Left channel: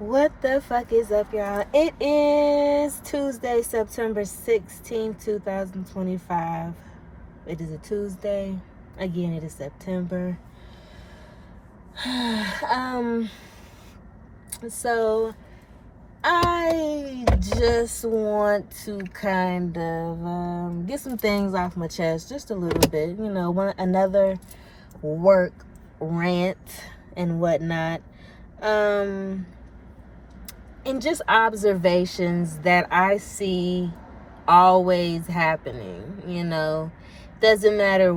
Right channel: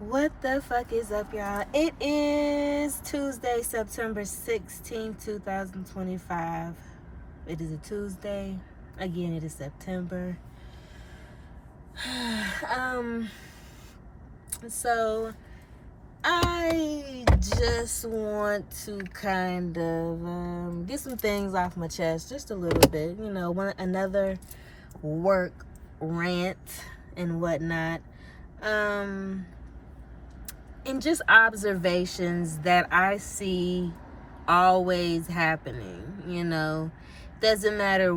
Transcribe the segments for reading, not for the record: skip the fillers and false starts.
What the fuck is up, y'all? It is Tuesday, September 16th, 2025. It is a Tuesday. Again, it is September. So I just want to kind of get some things off my chest just a little bit. Another work rant and whatnot. And just observations that I see always happening. Doesn't matter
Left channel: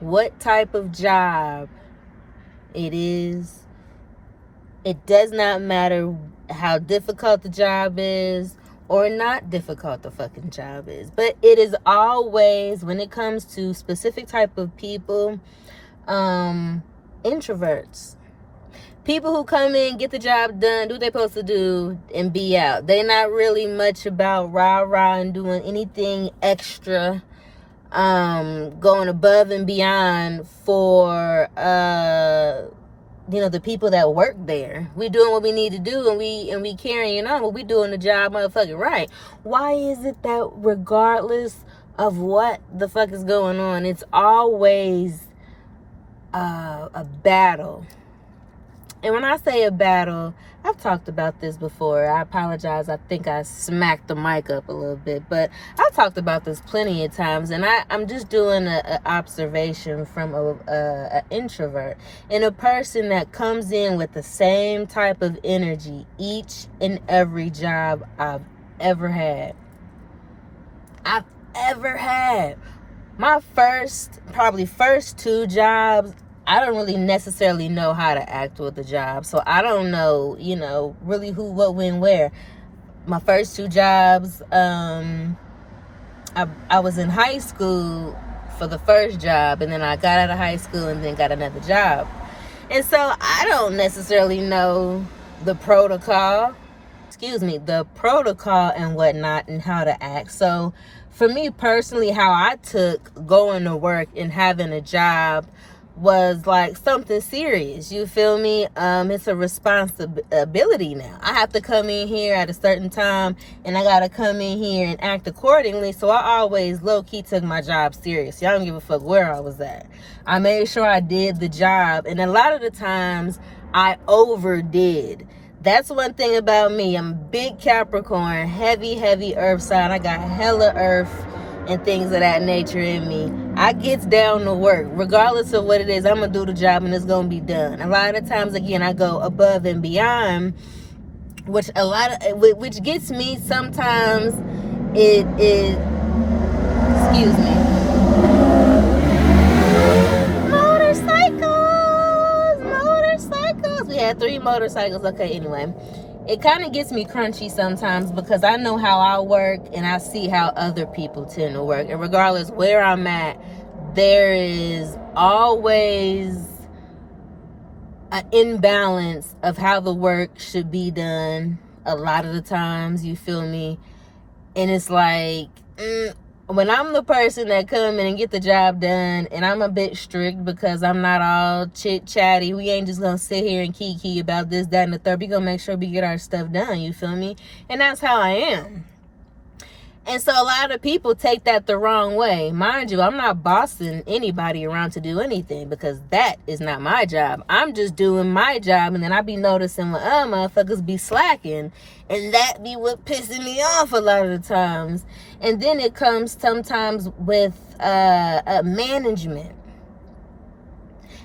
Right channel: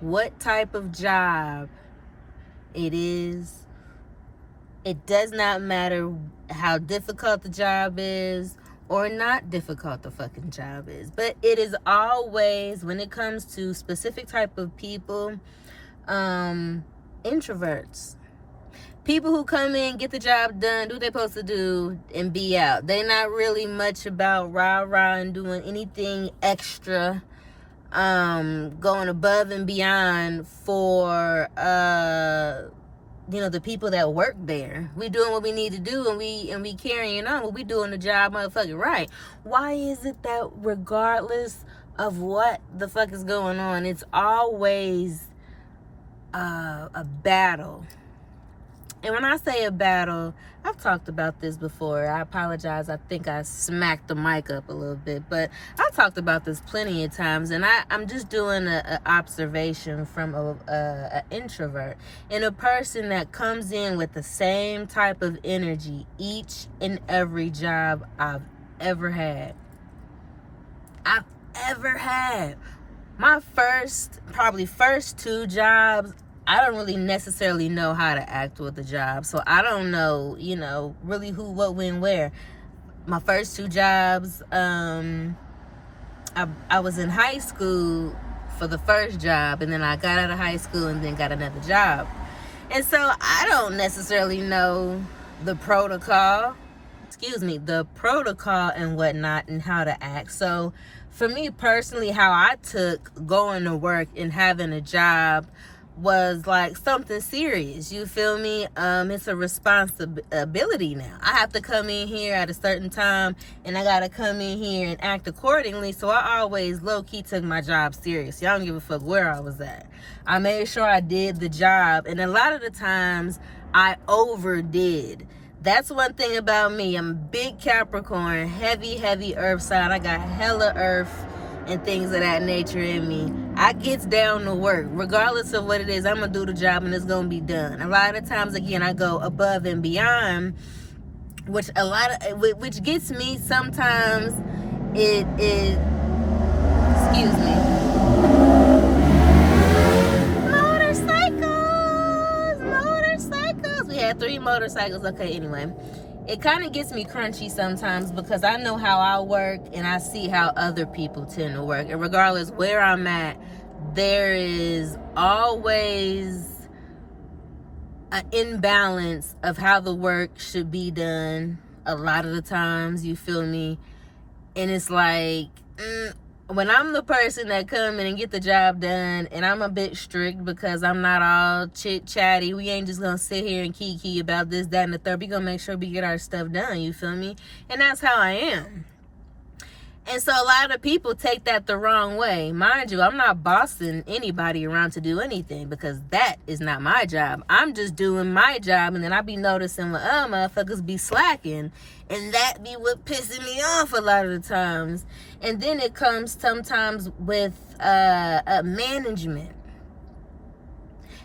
what type of job it is. It does not matter how difficult the job is or not difficult the fucking job is. But it is always, when it comes to specific type of people, introverts. People who come in, get the job done, do what they're supposed to do, and be out. They're not really much about rah-rah and doing anything extra, going above and beyond for, the people that work there. We doing what we need to do, and we carrying on, but we doing the job motherfucking right. Why is it that regardless of what the fuck is going on, it's always a battle? And when I say a battle, I've talked about this before. I apologize. I think I smacked the mic up a little bit. But I've talked about this plenty of times. And I'm just doing an observation from an introvert. And a person that comes in with the same type of energy each and every job I've ever had. My probably first two jobs, I don't really necessarily know how to act with the job. So I don't know, really who, what, when, where. My first two jobs, I was in high school for the first job, and then I got out of high school and then got another job. And so I don't necessarily know the protocol and whatnot and how to act. So for me personally, how I took going to work and having a job was like something serious. You feel me? It's a responsibility now. I have to come in here at a certain time, and I gotta come in here and act accordingly. So I always low-key took my job serious. I don't give a fuck where I was at. I made sure I did the job, and a lot of the times I overdid. That's one thing about me. I'm a big Capricorn, heavy earth sign. I got hella earth and things of that nature in me. I gets down to work. Regardless of what it is, I'm going to do the job and it's going to be done. A lot of the times, again, I go above and beyond, which gets me sometimes. It is, excuse me. Motorcycles. We had 3 motorcycles. Okay, anyway. It kind of gets me crunchy sometimes because I know how I work and I see how other people tend to work. And regardless where I'm at, there is always an imbalance of how the work should be done a lot of the times, you feel me? And it's like, when I'm the person that come in and get the job done, and I'm a bit strict because I'm not all chit-chatty. We ain't just going to sit here and kiki about this, that, and the third. We going to make sure we get our stuff done, you feel me? And that's how I am. And so a lot of people take that the wrong way. Mind you, I'm not bossing anybody around to do anything because that is not my job. I'm just doing my job, and then I be noticing when motherfuckers be slacking. And that be what pissing me off a lot of the times. And then it comes sometimes with management.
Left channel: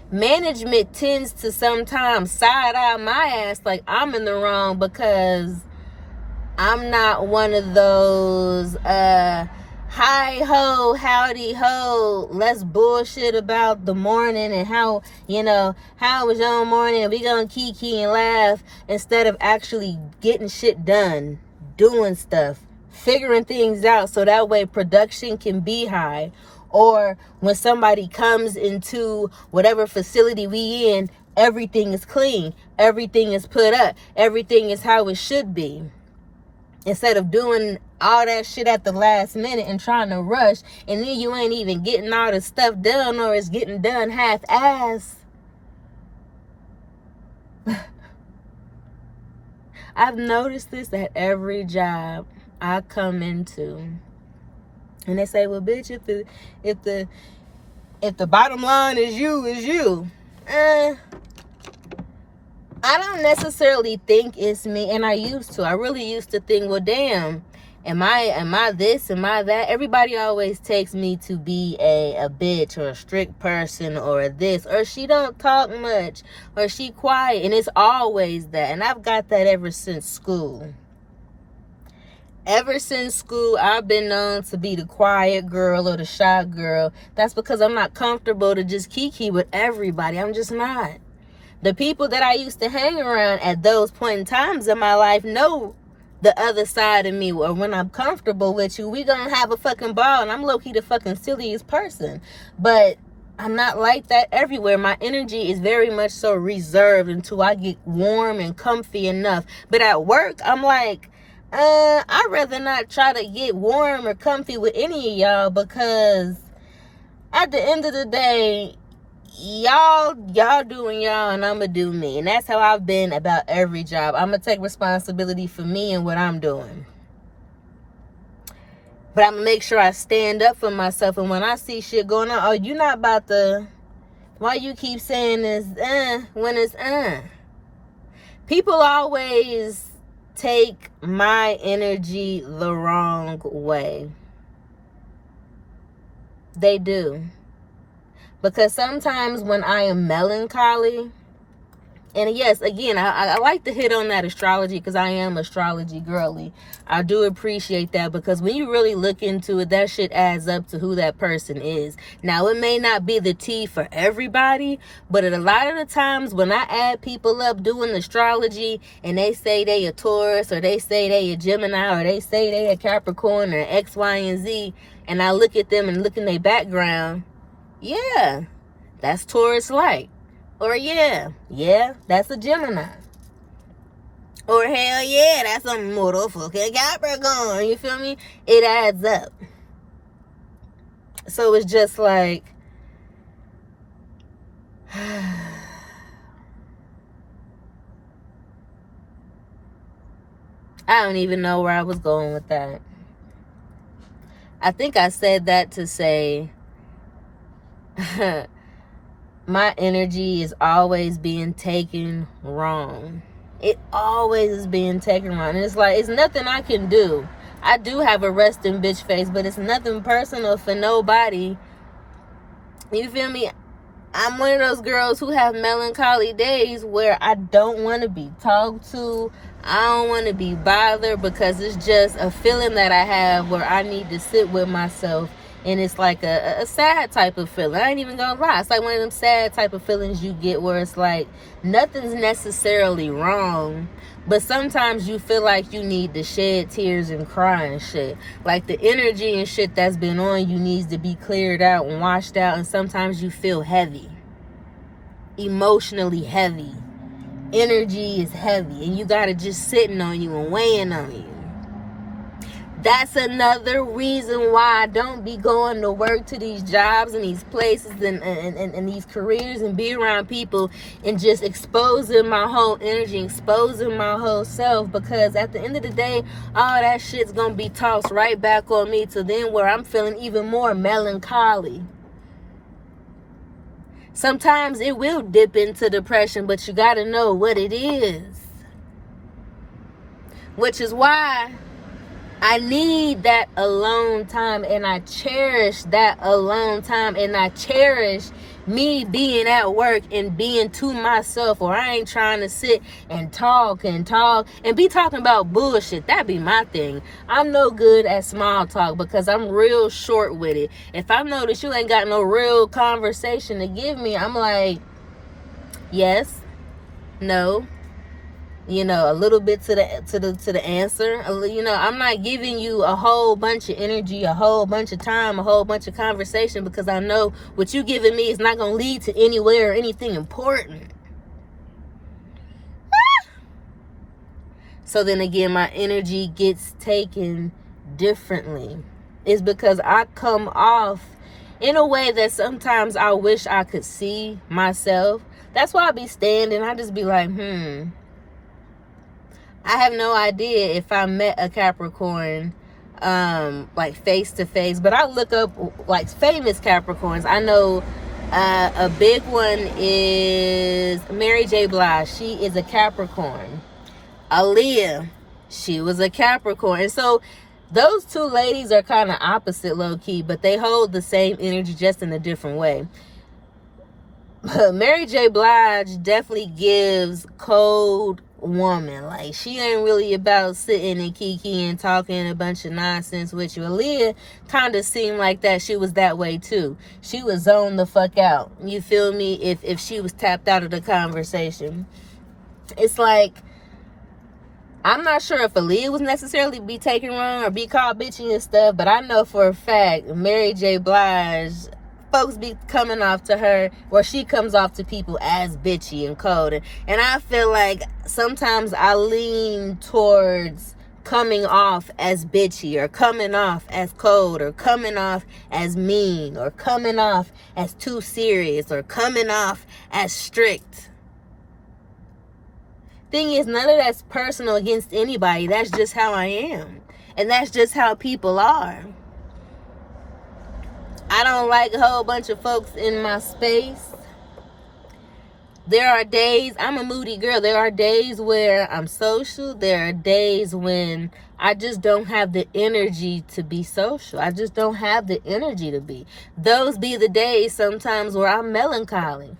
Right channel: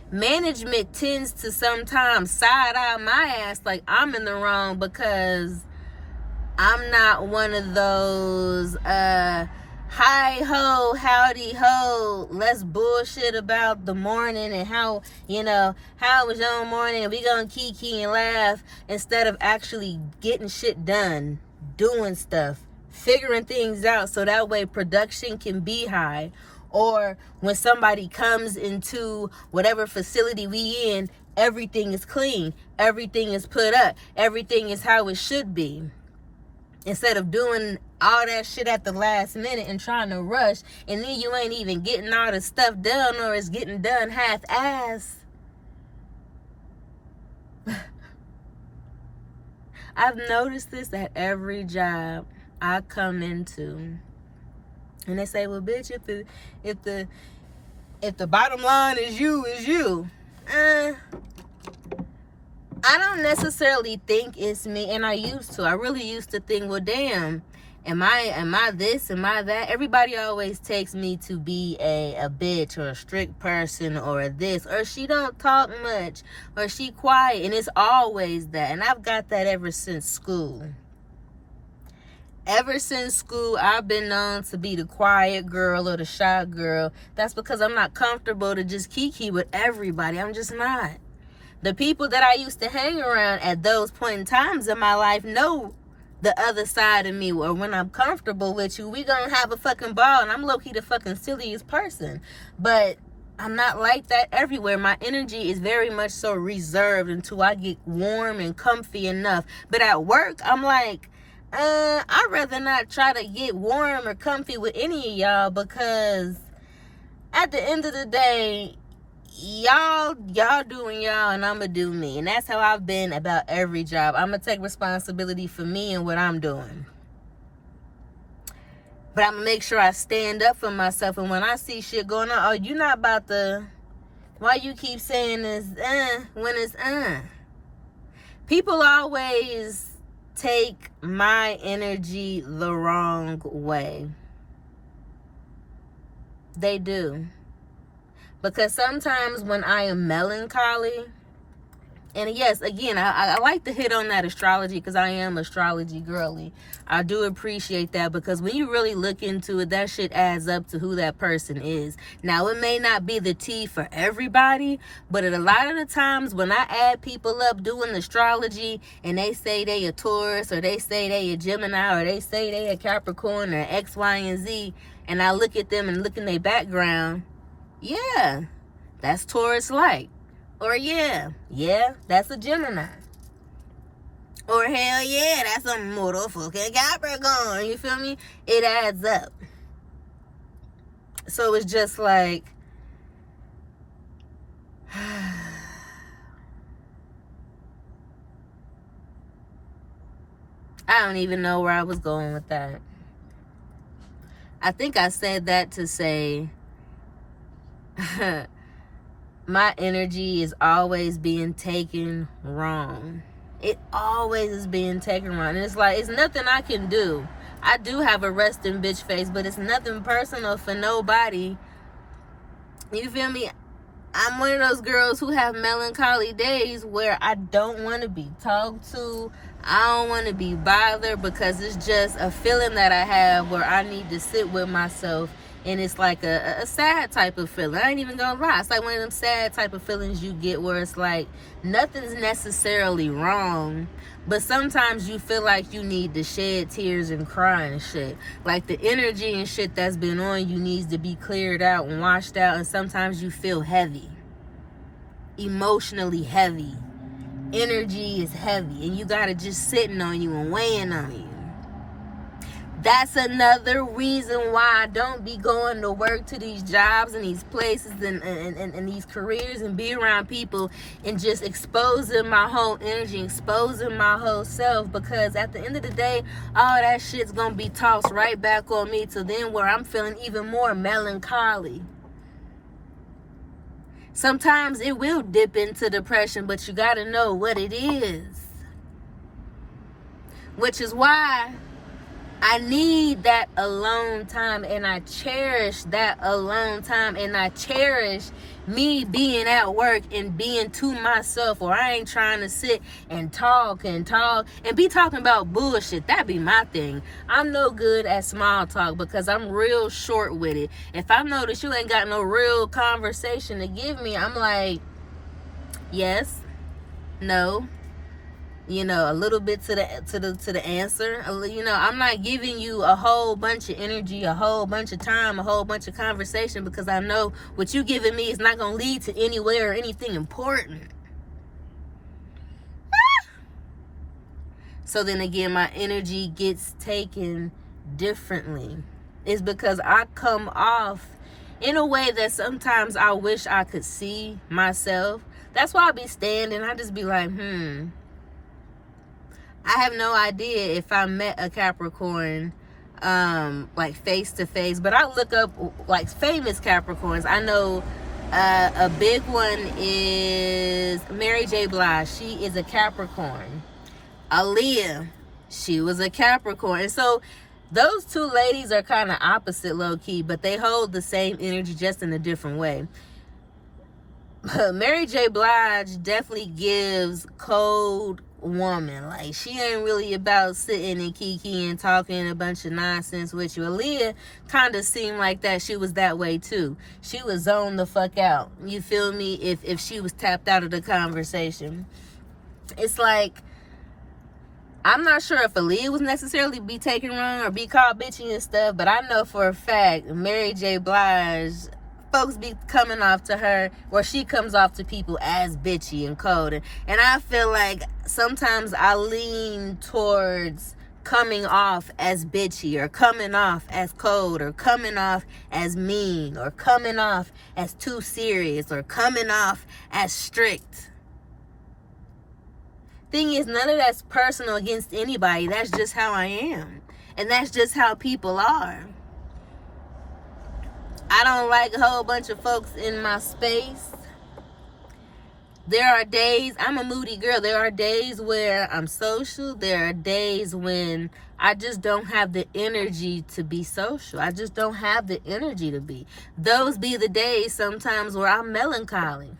Management tends to sometimes side-eye my ass like I'm in the wrong because I'm not one of those hi-ho, howdy-ho, let's bullshit about the morning and how was your morning, and we gonna kiki and laugh instead of actually getting shit done, doing stuff, figuring things out so that way production can be high. Or when somebody comes into whatever facility we in, everything is clean, everything is put up, everything is how it should be. Instead of doing all that shit at the last minute and trying to rush, and then you ain't even getting all the stuff done, or it's getting done half-ass. I've noticed this at every job I come into. And they say, well, bitch, if the bottom line is you. I don't necessarily think it's me, and I used to. I really used to think, well, damn, am I this, am I that? Everybody always takes me to be a bitch or a strict person or this, or she don't talk much, or she quiet, and it's always that. And I've got that ever since school. Ever since school, I've been known to be the quiet girl or the shy girl. That's because I'm not comfortable to just kiki with everybody. I'm just not. The people that I used to hang around at those point in times in my life know the other side of me. Or when I'm comfortable with you, we gonna have a fucking ball. And I'm low-key the fucking silliest person. But I'm not like that everywhere. My energy is very much so reserved until I get warm and comfy enough. But at work, I'm like, I'd rather not try to get warm or comfy with any of y'all, because at the end of the day, y'all doing y'all and I'ma do me. And that's how I've been about every job. I'ma take responsibility for me and what I'm doing. But I'ma make sure I stand up for myself. And when I see shit going on, oh, you not about to, why you keep saying this when it's people always take my energy the wrong way. They do. Because sometimes when I am melancholy, and yes, again, I like to hit on that astrology because I am astrology girly. I do appreciate that, because when you really look into it, that shit adds up to who that person is. Now, it may not be the T for everybody, but at a lot of the times when I add people up doing astrology and they say they a Taurus, or they say they a Gemini, or they say they a Capricorn, or X, Y, and Z, and I look at them and look in their background, yeah, that's Taurus-like. Or yeah, that's a Gemini. Or hell yeah, that's a motherfucking Capricorn. You feel me? It adds up. So it's just like, I don't even know where I was going with that. I think I said that to say my energy is always being taken wrong. It always is being taken wrong. And it's like, it's nothing I can do. I do have a resting bitch face, but it's nothing personal for nobody. You feel me? I'm one of those girls who have melancholy days where I don't want to be talked to. I don't want to be bothered, because it's just a feeling that I have where I need to sit with myself. And it's like a sad type of feeling. I ain't even gonna lie. It's like one of them sad type of feelings you get where it's like nothing's necessarily wrong, but sometimes you feel like you need to shed tears and cry and shit. Like the energy and shit that's been on you needs to be cleared out and washed out. And sometimes you feel heavy. Emotionally heavy. Energy is heavy. And you gotta just sitting on you and weighing on you. That's another reason why I don't be going to work to these jobs and these places and these careers and be around people and just exposing my whole energy, exposing my whole self, because at the end of the day, all that shit's gonna be tossed right back on me to then where I'm feeling even more melancholy. Sometimes it will dip into depression, but you gotta know what it is. Which is why I need that alone time, and I cherish that alone time, and I cherish me being at work and being to myself, or I ain't trying to sit and talk and be talking about bullshit. That be my thing. I'm no good at small talk because I'm real short with it. If I know that you ain't got no real conversation to give me, I'm like, yes, no, you know, a little bit to the answer. You know, I'm not giving you a whole bunch of energy, a whole bunch of time, a whole bunch of conversation, because I know what you giving me is not going to lead to anywhere or anything important. So then again, my energy gets taken differently. It's because I come off in a way that sometimes I wish I could see myself. That's why I be standing. I just be like, I have no idea if I met a Capricorn like face to face, but I look up like famous Capricorns. I know a big one is Mary J. Blige. She is a Capricorn. Aaliyah, she was a Capricorn. And so those two ladies are kind of opposite low-key, but they hold the same energy, just in a different way. Mary J. Blige definitely gives cold woman. Like, she ain't really about sitting and kiki and talking a bunch of nonsense with you. Aaliyah kind of seemed like that. She was that way too. She was zoned the fuck out. You feel me? If she was tapped out of the conversation. It's like, I'm not sure if Aaliyah was necessarily be taken wrong or be called bitchy and stuff, but I know for a fact Mary J. Blige, folks be coming off to her, or she comes off to people as bitchy and cold. And I feel like sometimes I lean towards coming off as bitchy, or coming off as cold, or coming off as mean, or coming off as too serious, or coming off as strict. Thing is, none of that's personal against anybody. That's just how I am. And that's just how people are. I don't like a whole bunch of folks in my space. There are days, I'm a moody girl. There are days where I'm social. There are days when I just don't have the energy to be social. I just don't have the energy to be. Those be the days sometimes where I'm melancholy.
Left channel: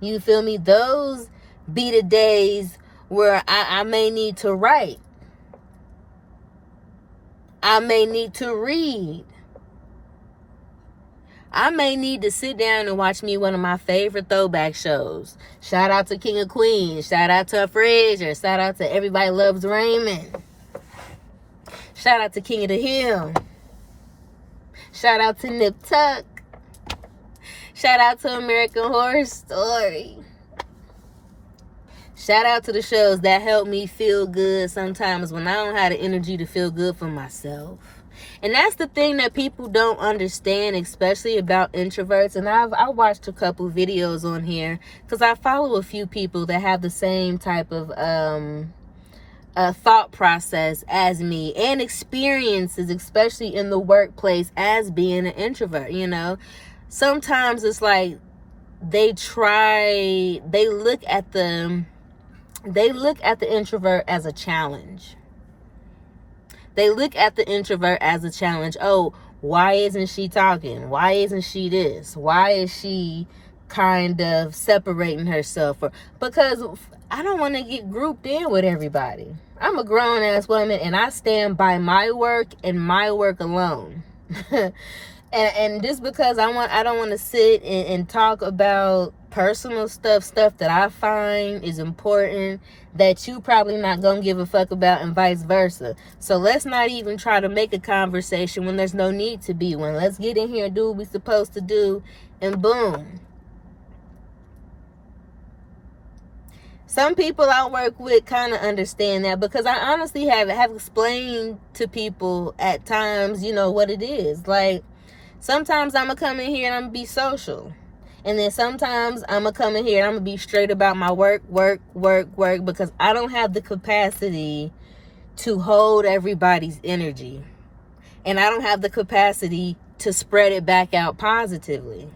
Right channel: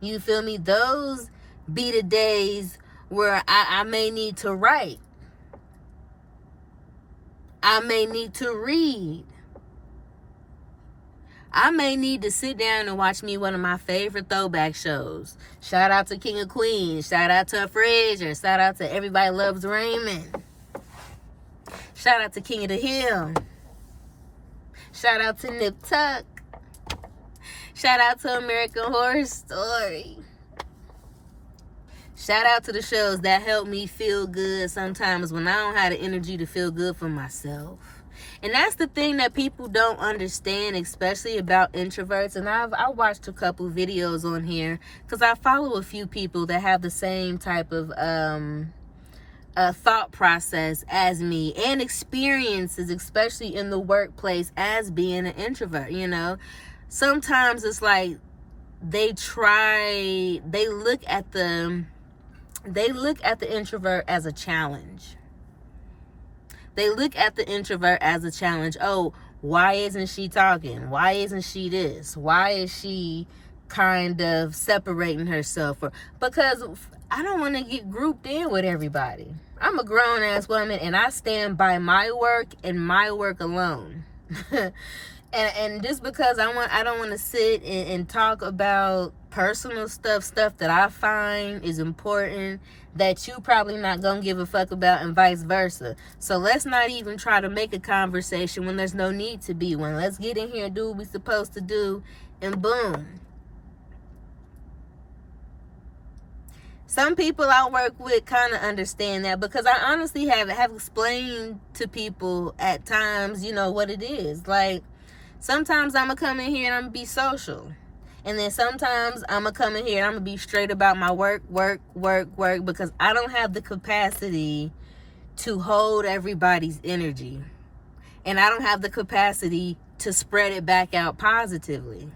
You feel me? Those be the days where I may need to write. I may need to read. I may need to sit down and watch me one of my favorite throwback shows. Shout out to King of Queens. Shout out to Frazier. Shout out to Everybody Loves Raymond. Shout out to King of the Hill. Shout out to Nip Tuck. Shout out to American Horror Story. Shout out to the shows that help me feel good sometimes when I don't have the energy to feel good for myself. And that's the thing that people don't understand, especially about introverts. And I watched a couple videos on here because I follow a few people that have the same type of thought process as me, and experiences, especially in the workplace, as being an introvert. You know, sometimes it's like they look at the introvert as a challenge. They look at the introvert as a challenge. Oh, why isn't she talking? Why isn't she this? Why is she kind of separating herself? Because I don't want to get grouped in with everybody. I'm a grown-ass woman, and I stand by my work and my work alone. And just because I don't want to sit and talk about personal stuff that I find is important, that you probably not gonna give a fuck about, and vice versa. So let's not even try to make a conversation when there's no need to be one. Let's get in here and do what we're supposed to do, and boom. Some people I work with kind of understand that, because I honestly have explained to people at times, you know, what it is. Like, sometimes I'm going to come in here and I'm going to be social. And then sometimes I'm going to come in here and I'm going to be straight about my work, because I don't have the capacity to hold everybody's energy. And I don't have the capacity to spread it back out positively.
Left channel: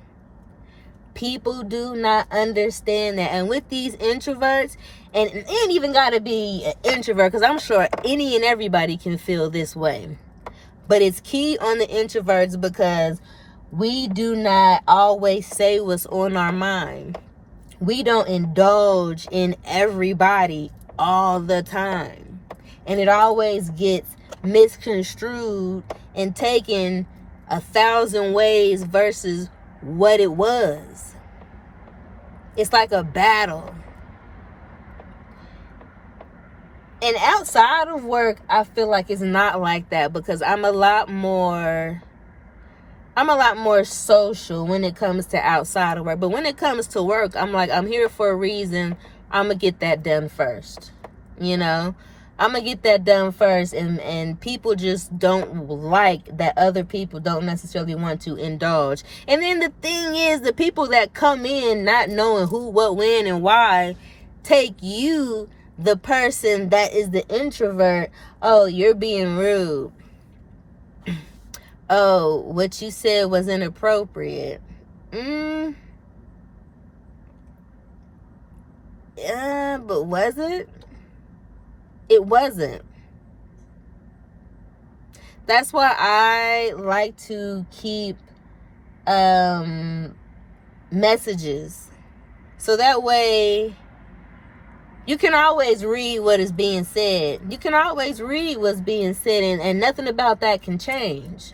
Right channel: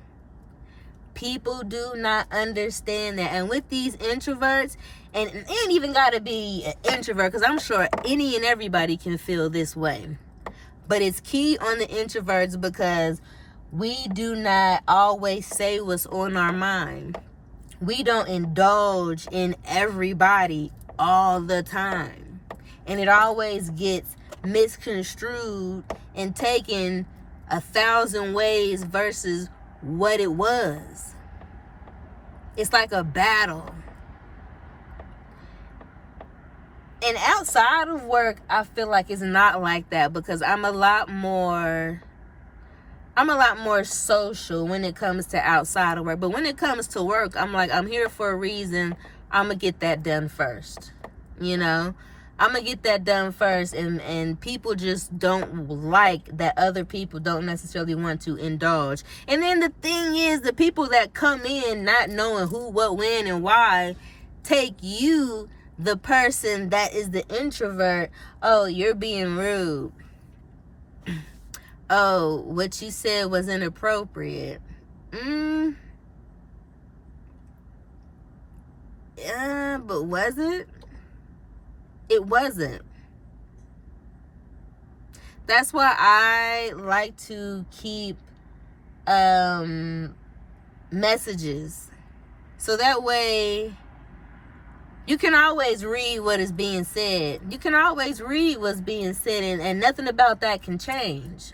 People do not understand that. And with these introverts, and it ain't even got to be an introvert, because I'm sure any and everybody can feel this way. But it's key on the introverts, because we do not always say what's on our mind. We don't indulge in everybody all the time. And it always gets misconstrued and taken 1,000 ways versus what it was. It's like a battle. And outside of work, I feel like it's not like that, because I'm a lot more social when it comes to outside of work. But when it comes to work, I'm like, I'm here for a reason. I'm going to get that done first. You know, I'm going to get that done first. And people just don't like that other people don't necessarily want to indulge. And then the thing is, the people that come in not knowing who, what, when, and why take you the person that is the introvert, oh, you're being rude. Oh, what you said was inappropriate. Yeah, but was it? It wasn't. That's why I like to keep messages. So that way you can always read what is being said. You can always read what's being said, and nothing about that can change.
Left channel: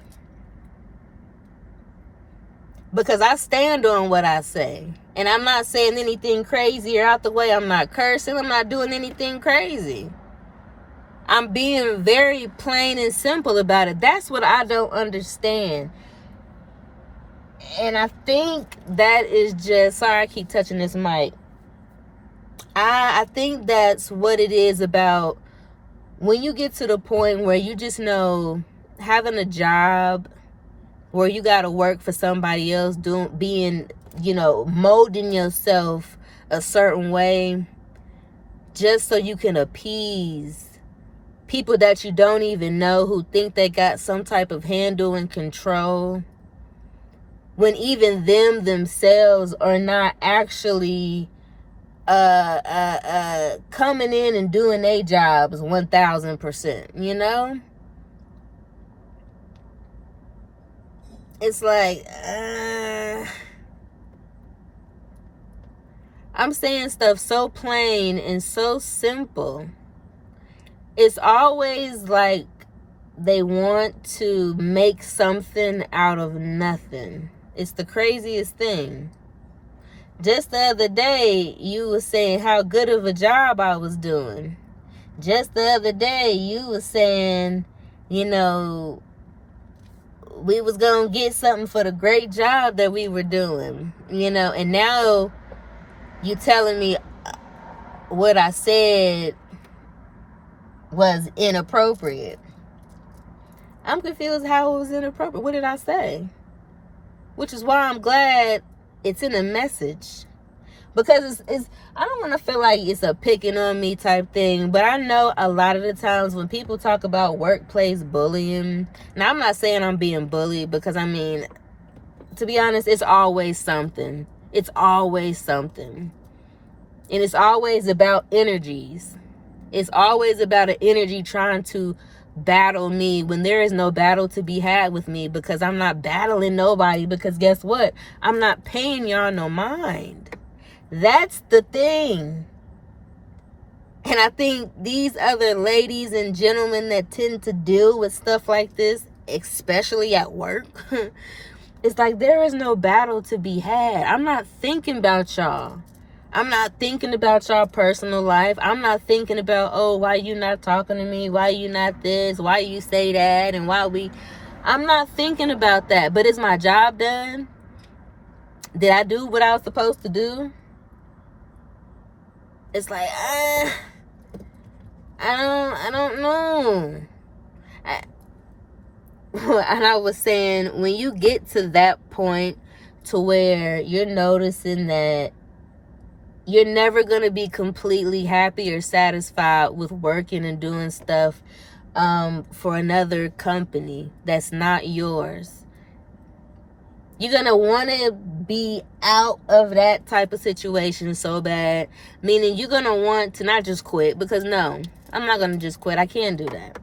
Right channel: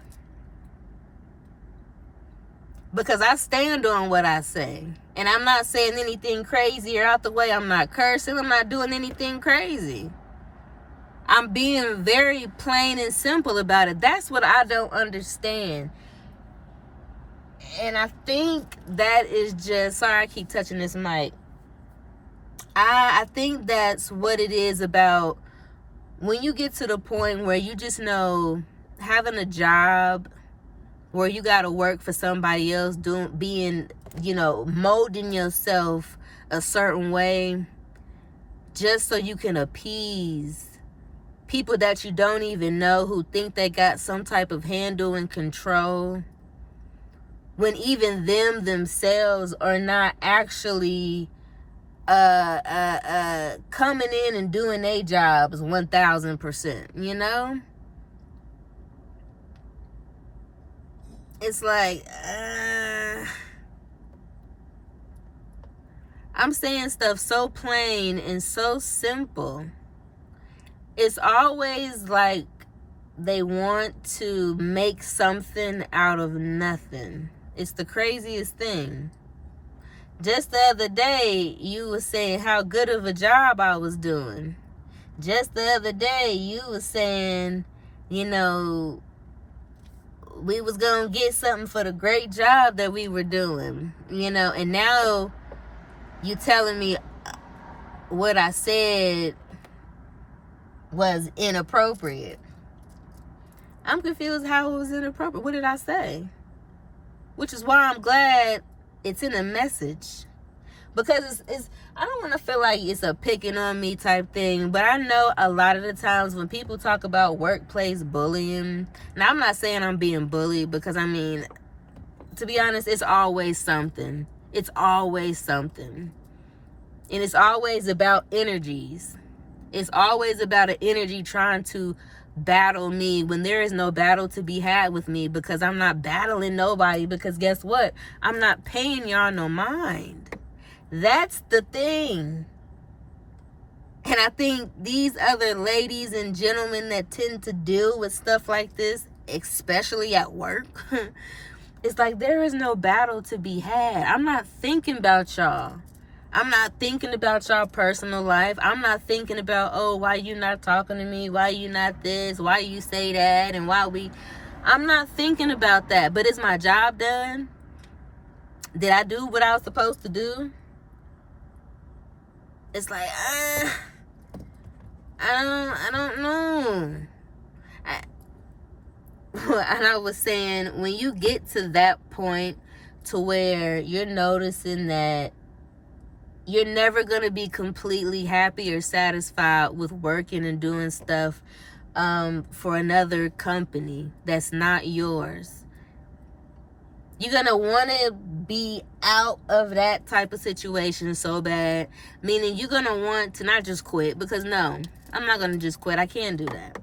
Because I stand on what I say. And I'm not saying anything crazy or out the way. I'm not cursing. I'm not doing anything crazy. I'm being very plain and simple about it. That's what I don't understand. And I think that is just... Sorry, I keep touching this mic. I think that's what it is about when you get to the point where you just know having a job where you got to work for somebody else, molding yourself a certain way just so you can appease people that you don't even know, who think they got some type of handle and control, when even them themselves are not actually coming in and doing their jobs 1000%, It's like, I'm saying stuff so plain and so simple. It's always like they want to make something out of nothing. It's the craziest thing. Just the other day, you were saying how good of a job I was doing. Just the other day, you were saying, we was going to get something for the great job that we were doing. And now you telling me what I said was inappropriate. I'm confused how it was inappropriate. What did I say? Which is why I'm glad it's in a message. Because it's I don't want to feel like it's a picking on me type thing, but I know a lot of the times when people talk about workplace bullying, now I'm not saying I'm being bullied, because to be honest, it's always something. It's always something. And it's always about energies. It's always about an energy trying to battle me when there is no battle to be had with me, because I'm not battling nobody, because guess what? I'm not paying y'all no mind. That's the thing. And I think these other ladies and gentlemen that tend to deal with stuff like this, especially at work, it's like there is no battle to be had. I'm not thinking about y'all. I'm not thinking about y'all personal life. I'm not thinking about, oh, why you not talking to me? Why you not this? Why you say that? And I'm not thinking about that. But is my job done? Did I do what I was supposed to do? It's like, I don't know. And I was saying, when you get to that point to where you're noticing that you're never going to be completely happy or satisfied with working and doing stuff for another company that's not yours, you're going to want to be out of that type of situation so bad. Meaning you're going to want to not just quit, because no, I'm not going to just quit. I can't do that.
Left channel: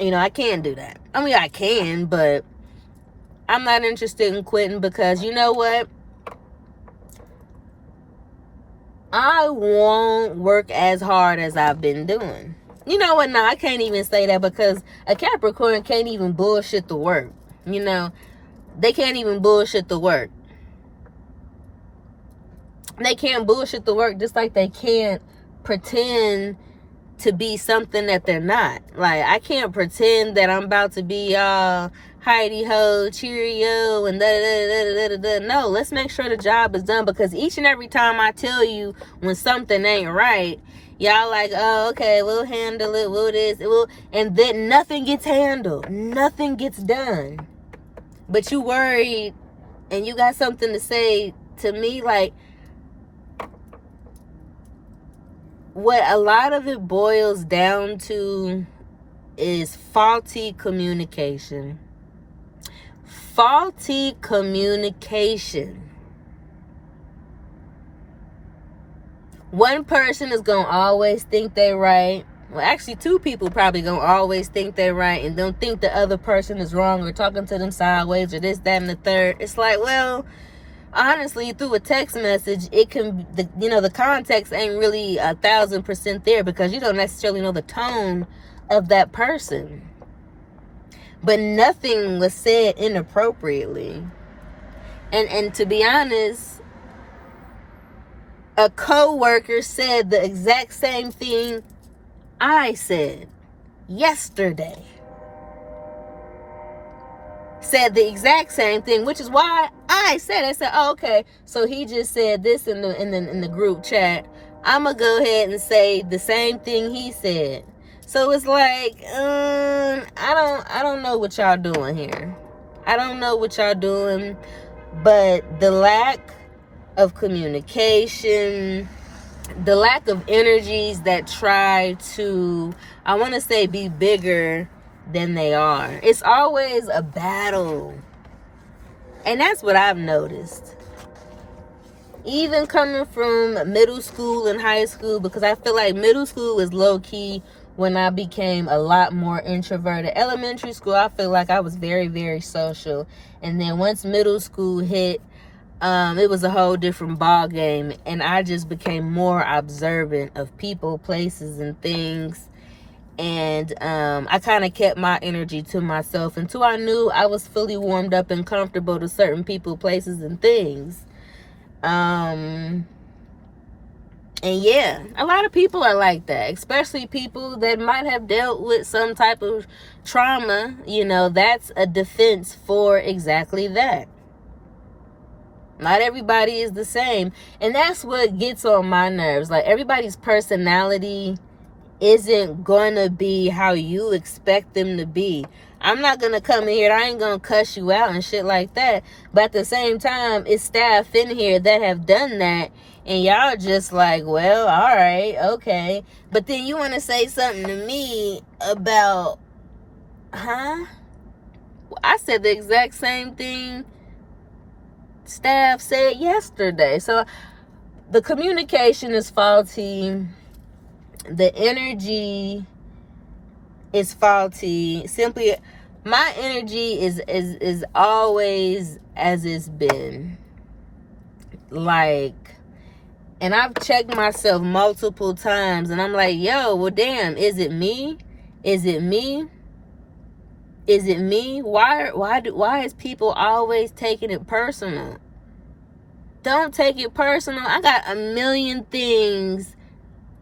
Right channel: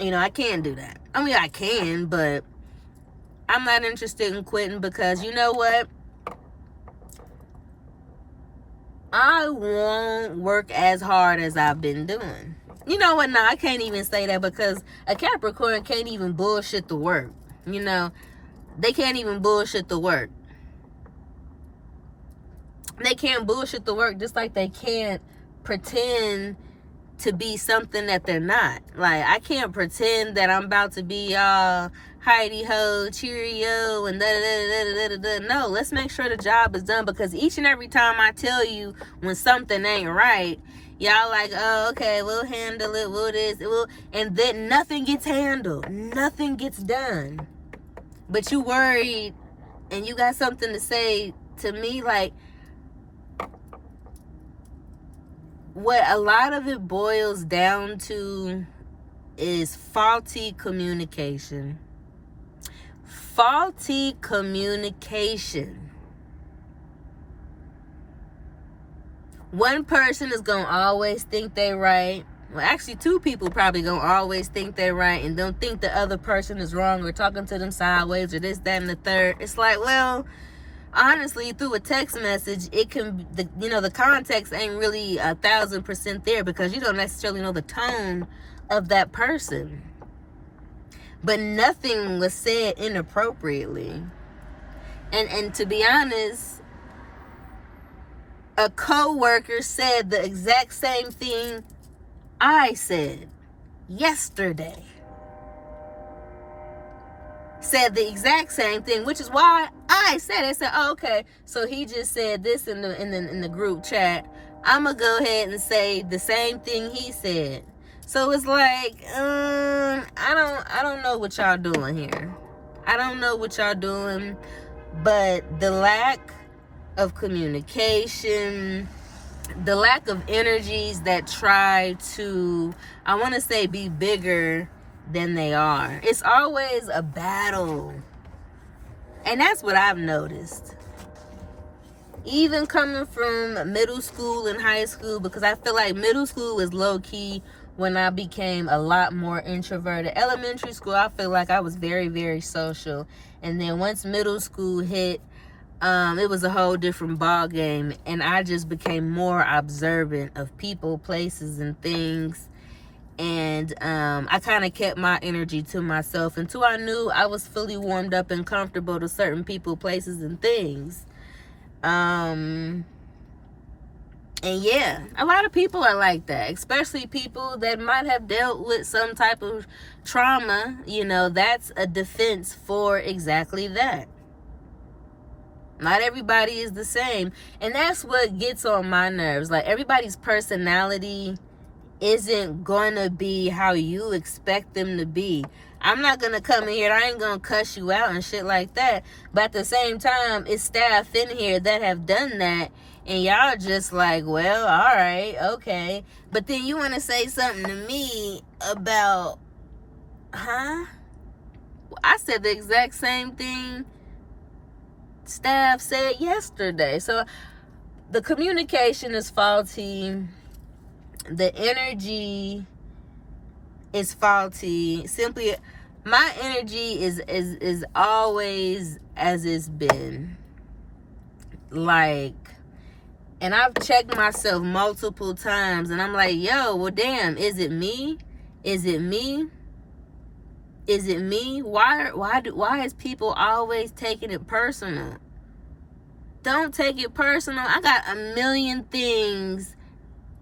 I can't do that. I can, but I'm not interested in quitting, because you know what? I won't work as hard as I've been doing. You know what? No, I can't even say that, because a Capricorn can't even bullshit the work. They can't even bullshit the work. They can't bullshit the work, just like they can't pretend to be something that they're not. Like, I can't pretend that I'm about to be all Heidi-ho, cheerio, and da-da-da-da-da-da. No, let's make sure the job is done, because each and every time I tell you when something ain't right, y'all like, oh, okay, we'll handle it, we'll this, and then nothing gets handled. Nothing gets done. But you worried, and you got something to say to me, like, what a lot of it boils down to is faulty communication. Faulty communication. One person is going to always think they're right. Well, actually, two people probably going to always think they're right and don't think the other person is wrong or talking to them sideways or this, that, and the third. It's like, well, honestly, through a text message, it can, the context ain't really 1,000% there because you don't necessarily know the tone of that person. But nothing was said inappropriately. And to be honest, a co-worker said the exact same thing I said yesterday. Said the exact same thing, which is why I said, oh, okay, so he just said this in the group chat. I'm gonna go ahead and say the same thing he said. So it's like, I don't know what y'all doing here. I don't know what y'all doing, but the lack of communication, the lack of energies that try to, I want to say, be bigger than they are. It's always a battle. And that's what I've noticed. Even coming from middle school and high school, because I feel like middle school is low-key when I became a lot more introverted. Elementary school, I feel like I was very, very social. And then once middle school hit, it was a whole different ball game, and I just became more observant of people, places, and things. And I kind of kept my energy to myself until I knew I was fully warmed up and comfortable to certain people, places, and things. And yeah, a lot of people are like that, especially people that might have dealt with some type of trauma. That's a defense for exactly that. Not everybody is the same. And that's what gets on my nerves. Like, everybody's personality isn't going to be how you expect them to be. I'm not going to come in here, I ain't going to cuss you out and shit like that. But at the same time, it's staff in here that have done that. And y'all just like, well, all right, okay. But then you want to say something to me about, I said the exact same thing staff said yesterday. So the communication is faulty. The energy is faulty. Simply, my energy is always as it's been. Like, and I've checked myself multiple times, and I'm like, yo, well, damn, is it me? Is it me? Is it me? Why is people always taking it personal? Don't take it personal. I got a million things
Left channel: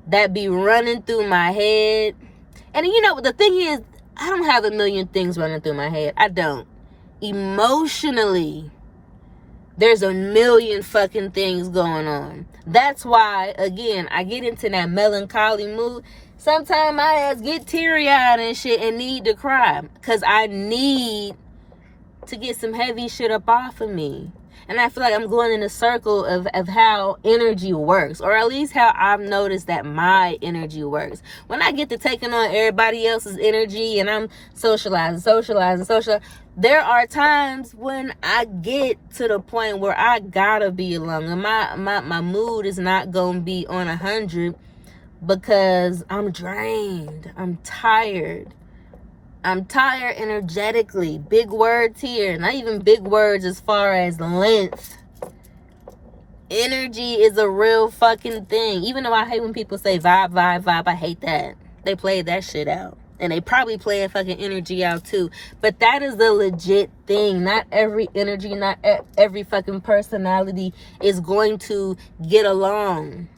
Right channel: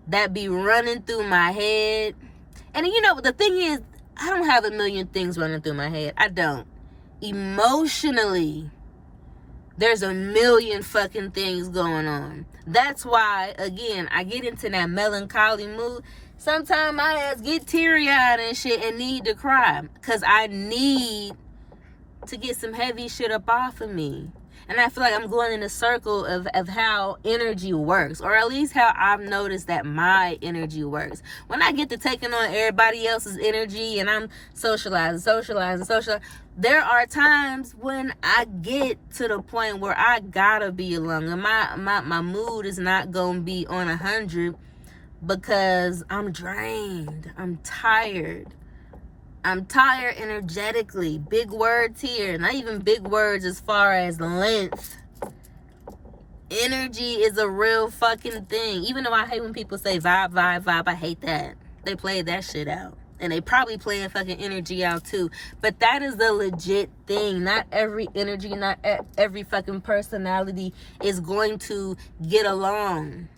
that be running through my head. And the thing is, I don't have a million things running through my head. I don't. Emotionally, there's a million fucking things going on. That's why, again, I get into that melancholy mood. Sometimes my ass get teary-eyed and shit and need to cry. Because I need to get some heavy shit up off of me. And I feel like I'm going in a circle of how energy works. Or at least how I've noticed that my energy works. When I get to taking on everybody else's energy and I'm socializing, there are times when I get to the point where I gotta be alone. And my mood is not going to be on 100 because I'm drained. I'm tired. I'm tired energetically. Big words here. Not even big words as far as length. Energy is a real fucking thing. Even though I hate when people say vibe, I hate that. They play that shit out. And they probably play a fucking energy out too. But that is the legit thing. Not every energy, not every fucking personality is going to get along.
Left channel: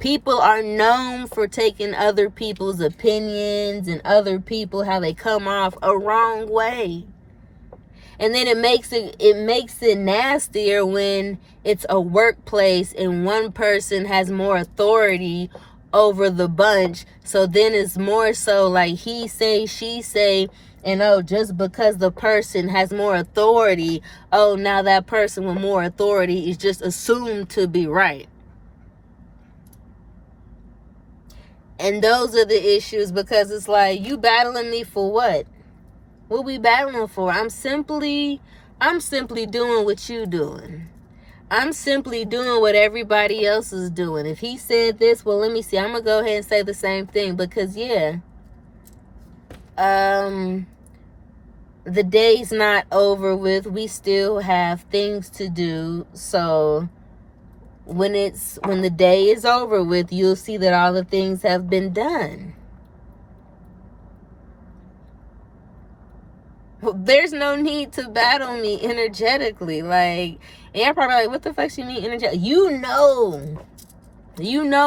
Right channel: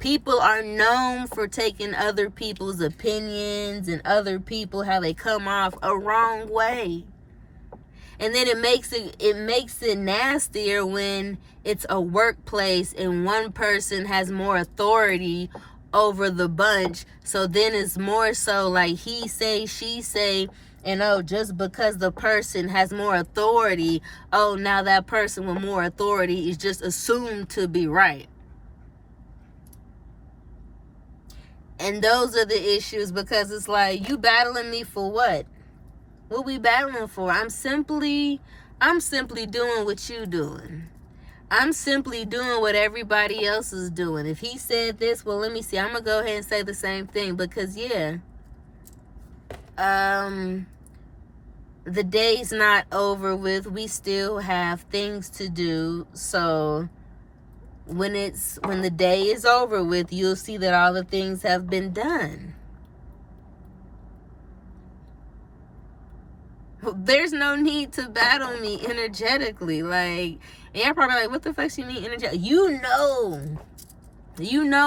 People are known for taking other people's opinions and other people, how they come off a wrong way. And then it makes it nastier when it's a workplace and one person has more authority over the bunch. So then it's more so like he say, she say, and just because the person has more authority, now that person with more authority is just assumed to be right. And those are the issues, because it's like, you battling me for what? What we battling for? I'm simply doing what you doing. I'm simply doing what everybody else is doing. If he said this, well, let me see. I'm going to go ahead and say the same thing, because, yeah, the day's not over with. We still have things to do. So when the day is over with, you'll see that all the things have been done. There's no need to battle me energetically. Like, and you're probably like, what the fuck you mean energetic? You know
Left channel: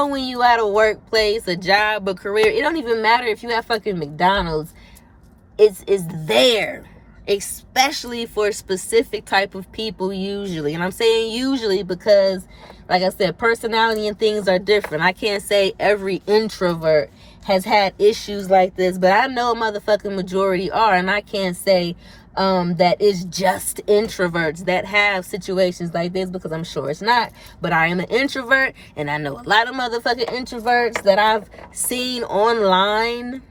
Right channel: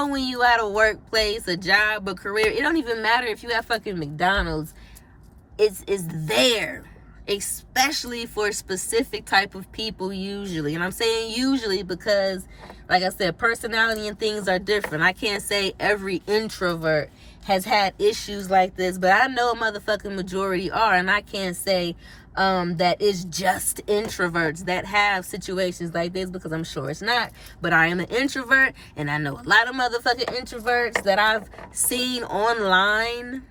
when you at a workplace, a job, a career, it don't even matter if you have fucking McDonald's. It's there, especially for specific type of people usually. And I'm saying usually because, like I said, personality and things are different. I can't say every introvert has had issues like this, but I know a motherfucking majority are, and I can't say that it's just introverts that have situations like this, because I'm sure it's not. But I am an introvert, and I know a lot of motherfucking introverts that I've seen online,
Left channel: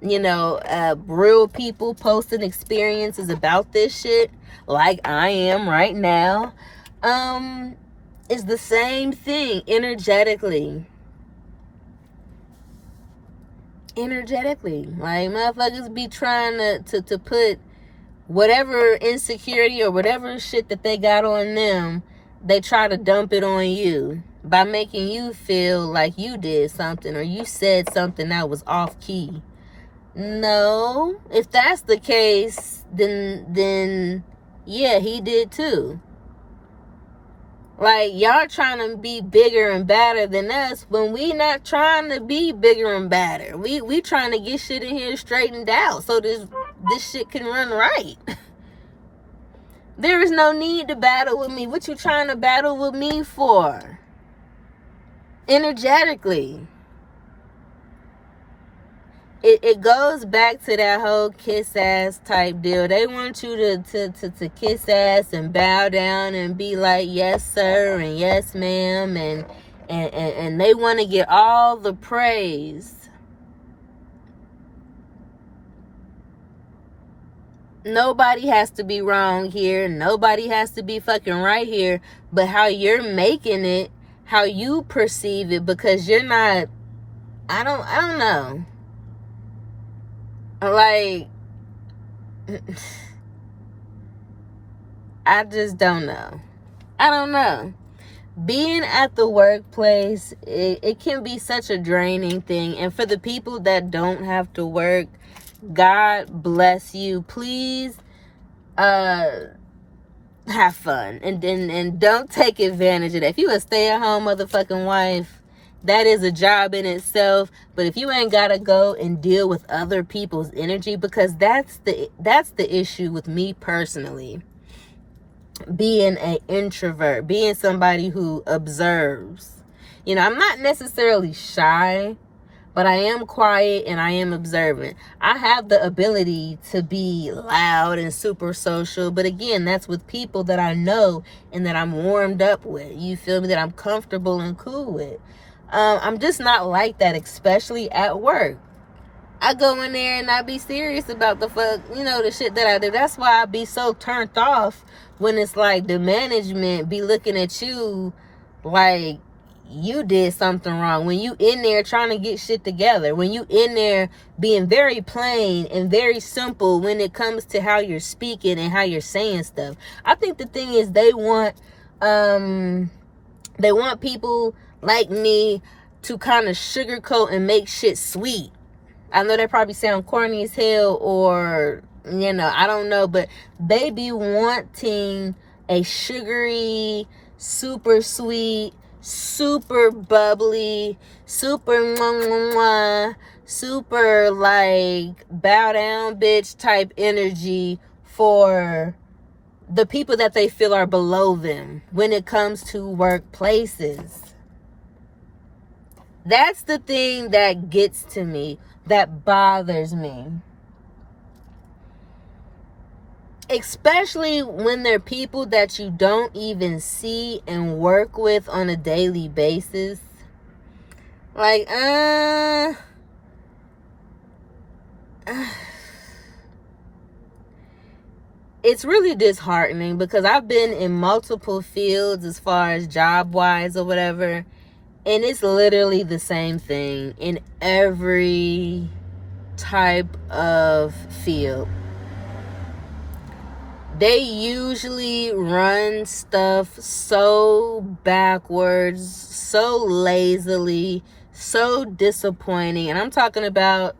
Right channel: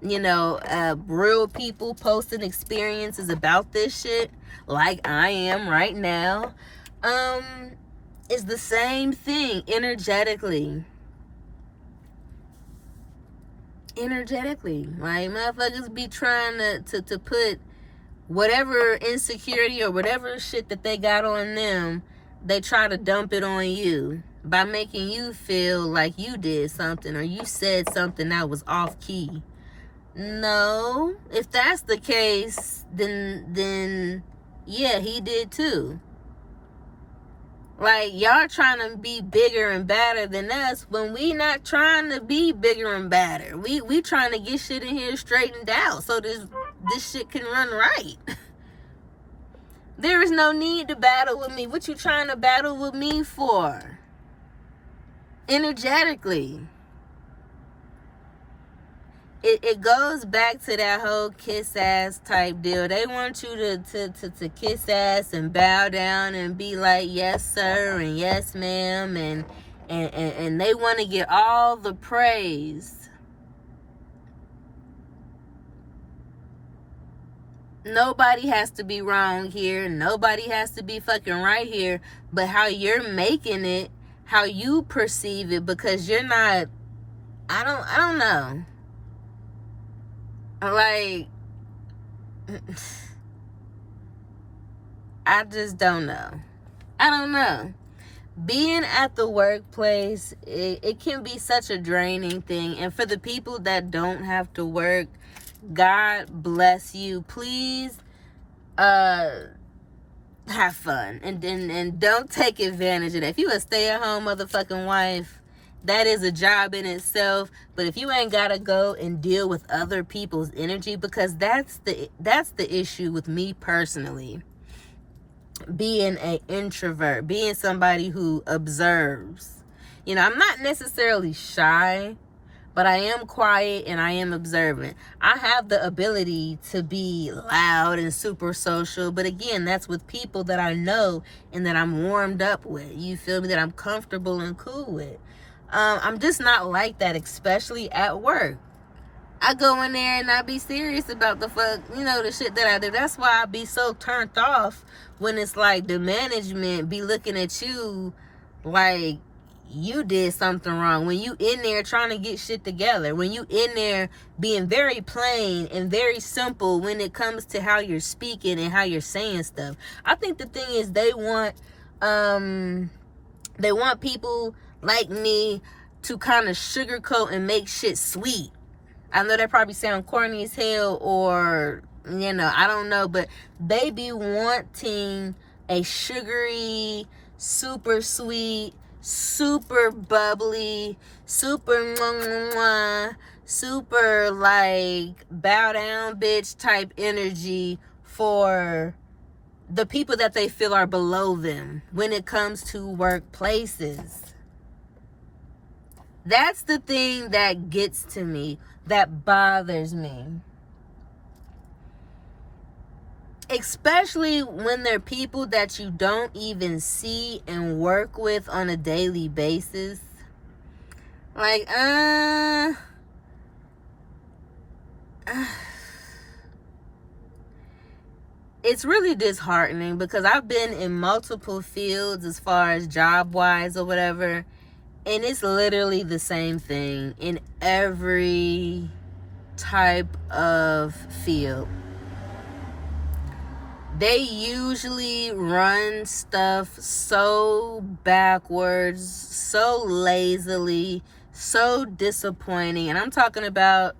you know, real people posting experiences about this shit, like I am right now. It's the same thing energetically. Like, motherfuckers be trying to put whatever insecurity or whatever shit that they got on them, they try to dump it on you by making you feel like you did something or you said something that was off key. No, if that's the case, then yeah, he did too. Like, y'all trying to be bigger and badder than us when we not trying to be bigger and badder. We trying to get shit in here straightened out so this shit can run right. There is no need to battle with me. What you trying to battle with me for? Energetically. It goes back to that whole kiss ass type deal. They want you to kiss ass and bow down and be like, yes sir and yes ma'am, and they want to get all the praise. Nobody has to be wrong here. Nobody has to be fucking right here. But how you're making it, how you perceive it, because you're not, I don't know. Like, I just don't know. I don't know. Being at the workplace, it can be such a draining thing. And for the people that don't have to work, God bless you. Please have fun. And don't take advantage of that. If you a stay-at-home motherfucking wife, that is a job in itself. But if you ain't gotta go and deal with other people's energy, because that's the issue with me personally. Being an introvert, being somebody who observes. You know, I'm not necessarily shy, but I am quiet and I am observant. I have the ability to be loud and super social, but again, that's with people that I know and that I'm warmed up with. You feel me? That I'm comfortable and cool with. I'm just not like that, especially at work. I go in there and I be serious about the fuck, you know, the shit that I do. That's why I be so turned off when it's like the management be looking at you like you did something wrong. When you in there trying to get shit together. When you in there being very plain and very simple when it comes to how you're speaking and how you're saying stuff. I think the thing is they want people like me to kind of sugarcoat and make shit sweet. I know they probably sound corny as hell, or, you know, I don't know, but they be wanting a sugary, super sweet, super bubbly, super mwah, mwah, mwah, super like bow down bitch type energy for the people that they feel are below them when it comes to workplaces. That's the thing that gets to me, that bothers me. Especially when they're people that you don't even see and work with on a daily basis. Like, it's really disheartening because I've been in multiple fields as far as job-wise or whatever, and it's literally the same thing in every type of field. They usually run stuff so backwards, so lazily, so disappointing. And I'm talking about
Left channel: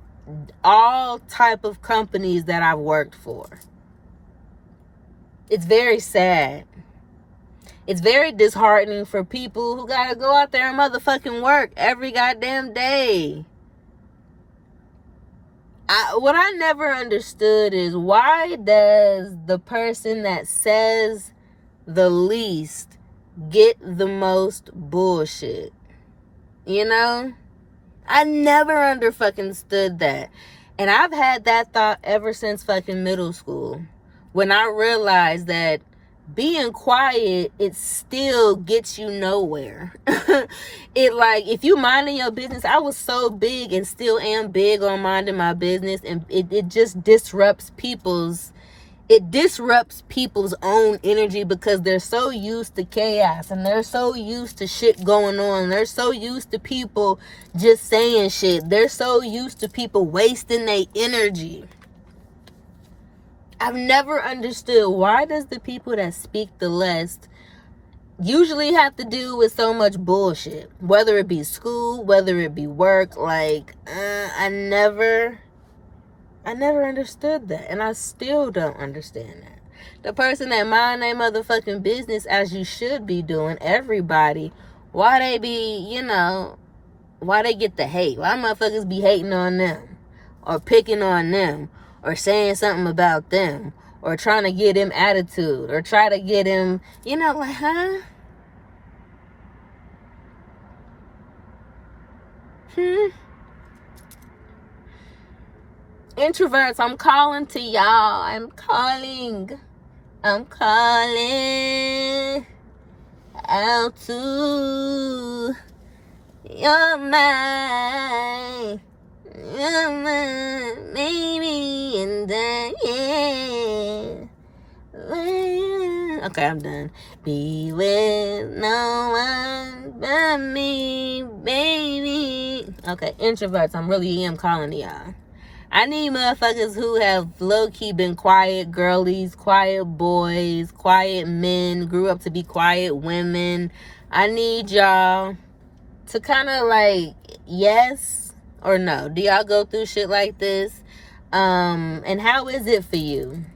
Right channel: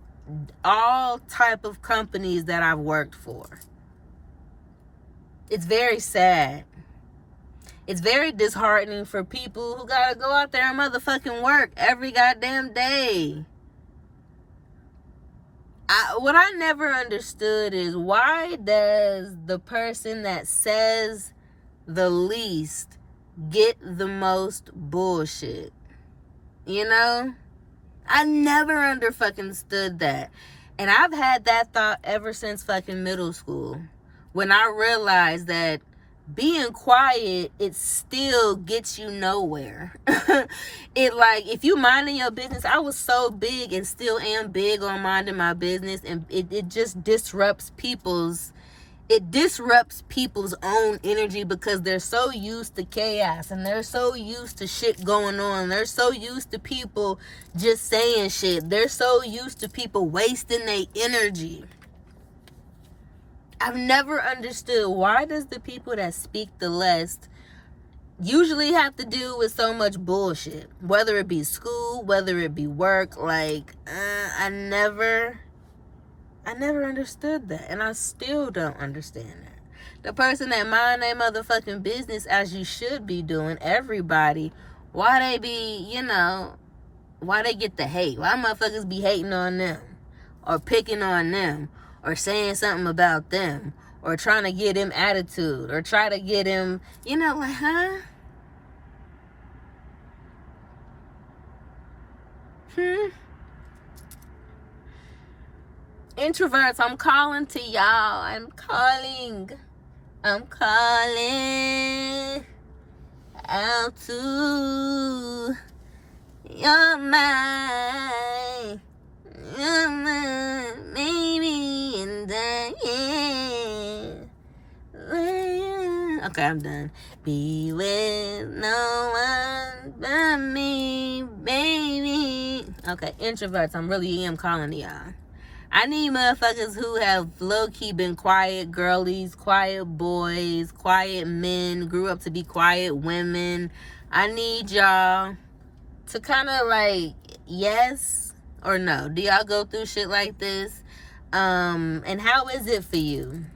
all type of companies that I've worked for. It's very sad. It's very disheartening for people who gotta go out there and motherfucking work every goddamn day. What I never understood is, why does the person that says the least get the most bullshit? You know? I never understood that. And I've had that thought ever since fucking middle school, when I realized that being quiet, it still gets you nowhere. It, like, if you minding your business, I was so big and still am big on minding my business, and it just disrupts people's own energy, because they're so used to chaos and they're so used to shit going on. They're so used to people just saying shit. They're so used to people wasting their energy. I've never understood, why does the people that speak the less usually have to deal with so much bullshit, whether it be school, whether it be work. Like, I never understood that, and I still don't understand that. The person that mind their motherfucking business, as you should be doing, everybody, why they be, why they get the hate? Why motherfuckers be hating on them, or picking on them, or saying something about them, or trying to get him attitude, or try to get him, like, huh? Introverts, I'm calling to y'all. I'm calling out to your mind. Maybe, and then, yeah. Okay, I'm done. Be with no one but me, baby. Okay, introverts, I'm really calling to y'all. I need motherfuckers who have low-key been quiet girlies, quiet boys, quiet men, grew up to be quiet women. I need y'all to kind of, like, yes or no. Do y'all go through shit like this? And how is it for you?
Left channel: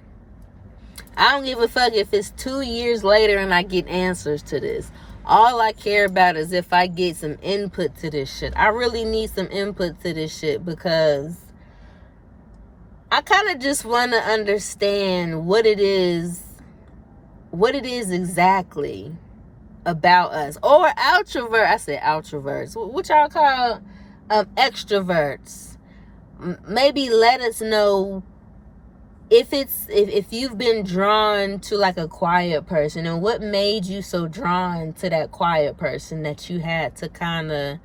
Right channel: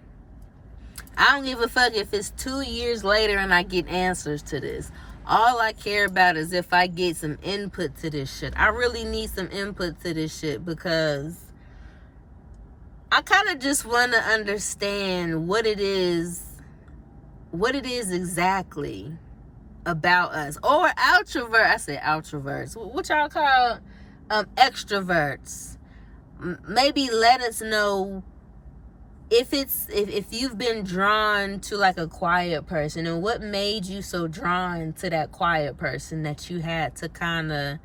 I don't give a fuck if it's 2 years later and I get answers to this. All I care about is if I get some input to this shit. I really need some input to this shit, because I kind of just want to understand what it is exactly about us. Or outrovert. I said outroverts. What y'all call extroverts? Maybe let us know if you've been drawn to, like, a quiet person, and what made you so drawn to that quiet person that you had to kind of,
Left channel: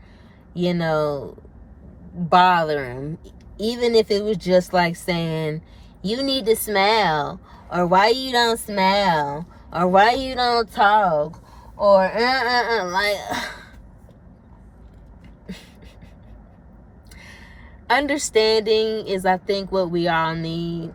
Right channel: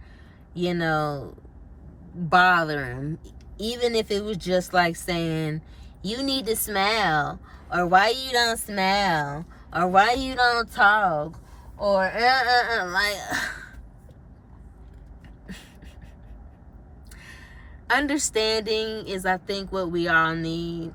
bother him. Even if it was just like saying, you need to smile, or why you don't smile, or why you don't talk, or like, understanding is, I think, what we all need.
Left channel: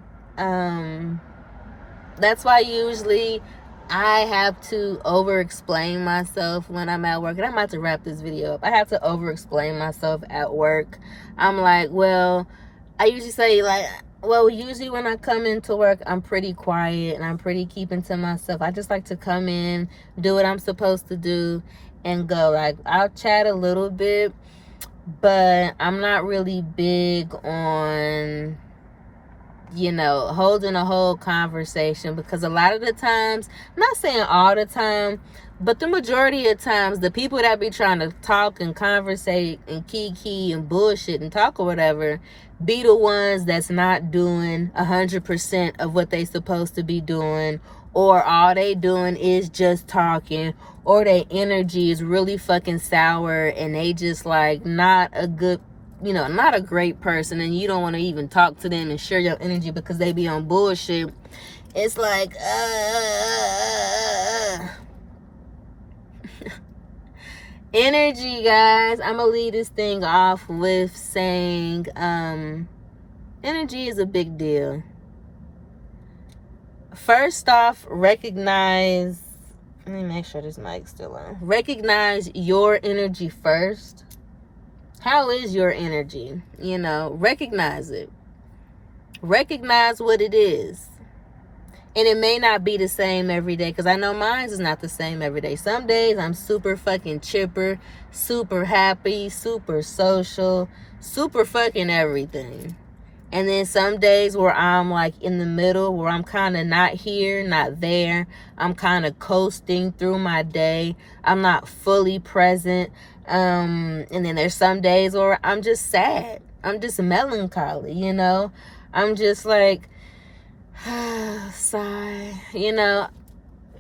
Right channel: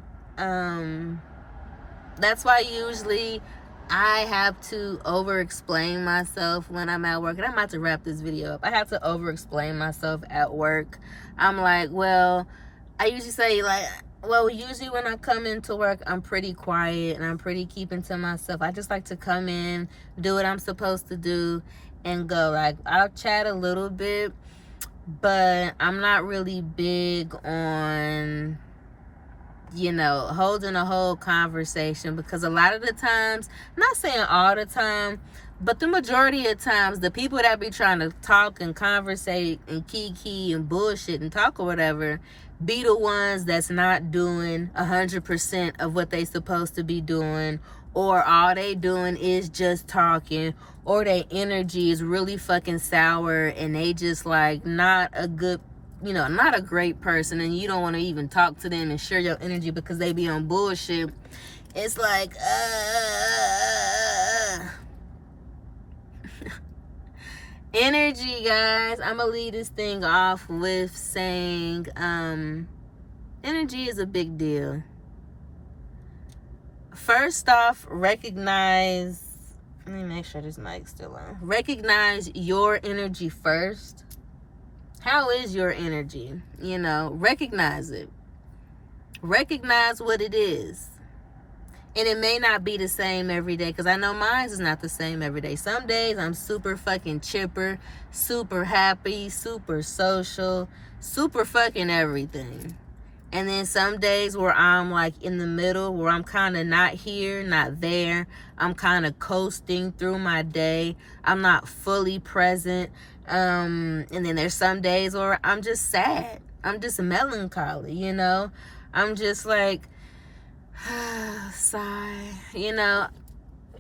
That's why usually I have to over-explain myself when I'm at work. And I'm about to wrap this video up. I have to over-explain myself at work. I'm like, well, I usually say, like, well, usually when I come into work, I'm pretty quiet and I'm pretty keeping to myself. I just like to come in, do what I'm supposed to do, and go. Like, I'll chat a little bit, but I'm not really big on, holding a whole conversation, because a lot of the times, I'm not saying all the time, but the majority of times, the people that be trying to talk and conversate and kiki and bullshit and talk or whatever, be the ones that's not doing 100% of what they supposed to be doing, or all they doing is just talking, or their energy is really fucking sour and they just like not a good, not a great person, and you don't want to even talk to them and share your energy because they be on bullshit. It's like, energy, guys. I'm gonna leave this thing off with saying, energy is a big deal. First off, recognize, let me make sure this mic's still on. Recognize your energy first. How is your energy? Recognize it. Recognize what it is. And it may not be the same every day, because I know mine is not the same every day. Some days I'm super fucking chipper, super happy, super social, super fucking everything. And then some days where I'm like in the middle, where I'm kind of not here, not there. I'm kind of coasting through my day. I'm not fully present. And then there's some days where I'm just sad. I'm just melancholy, I'm just like, sigh.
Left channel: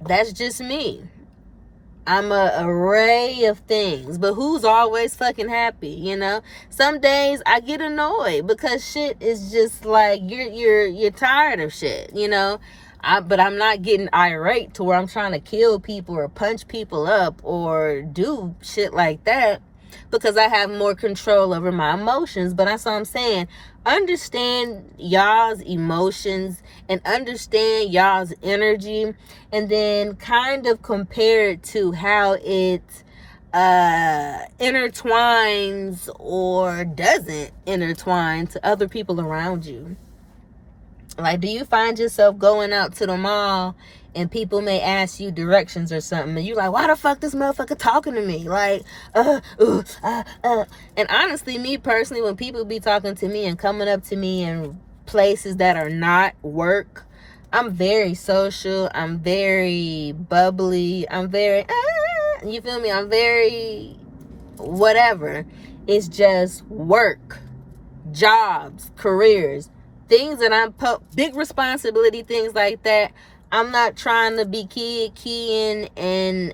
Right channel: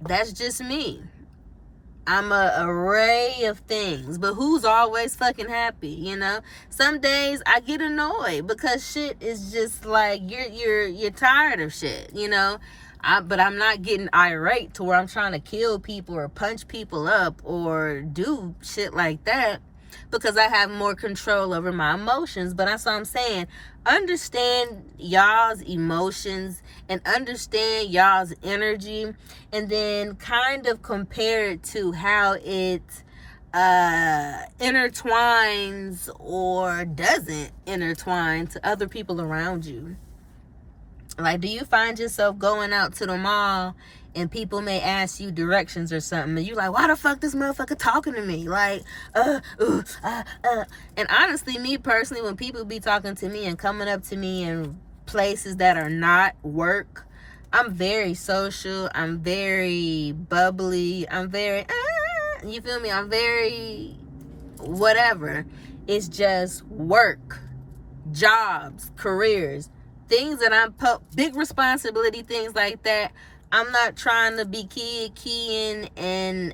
That's just me. I'm a array of things, but who's always fucking happy? Some days I get annoyed because shit is just like you're tired of shit. But I'm not getting irate to where I'm trying to kill people or punch people up or do shit like that, because I have more control over my emotions. But that's what I'm saying. Understand y'all's emotions and understand y'all's energy, and then kind of compare it to how it intertwines or doesn't intertwine to other people around you. Like, do you find yourself going out to the mall and people may ask you directions or something, and you like, why the fuck this motherfucker talking to me? Like, And honestly, me personally, when people be talking to me and coming up to me in places that are not work, I'm very social. I'm very bubbly. I'm very, you feel me? I'm very whatever. It's just work, jobs, careers, things that I'm big responsibility, things like that. I'm not trying to be keying and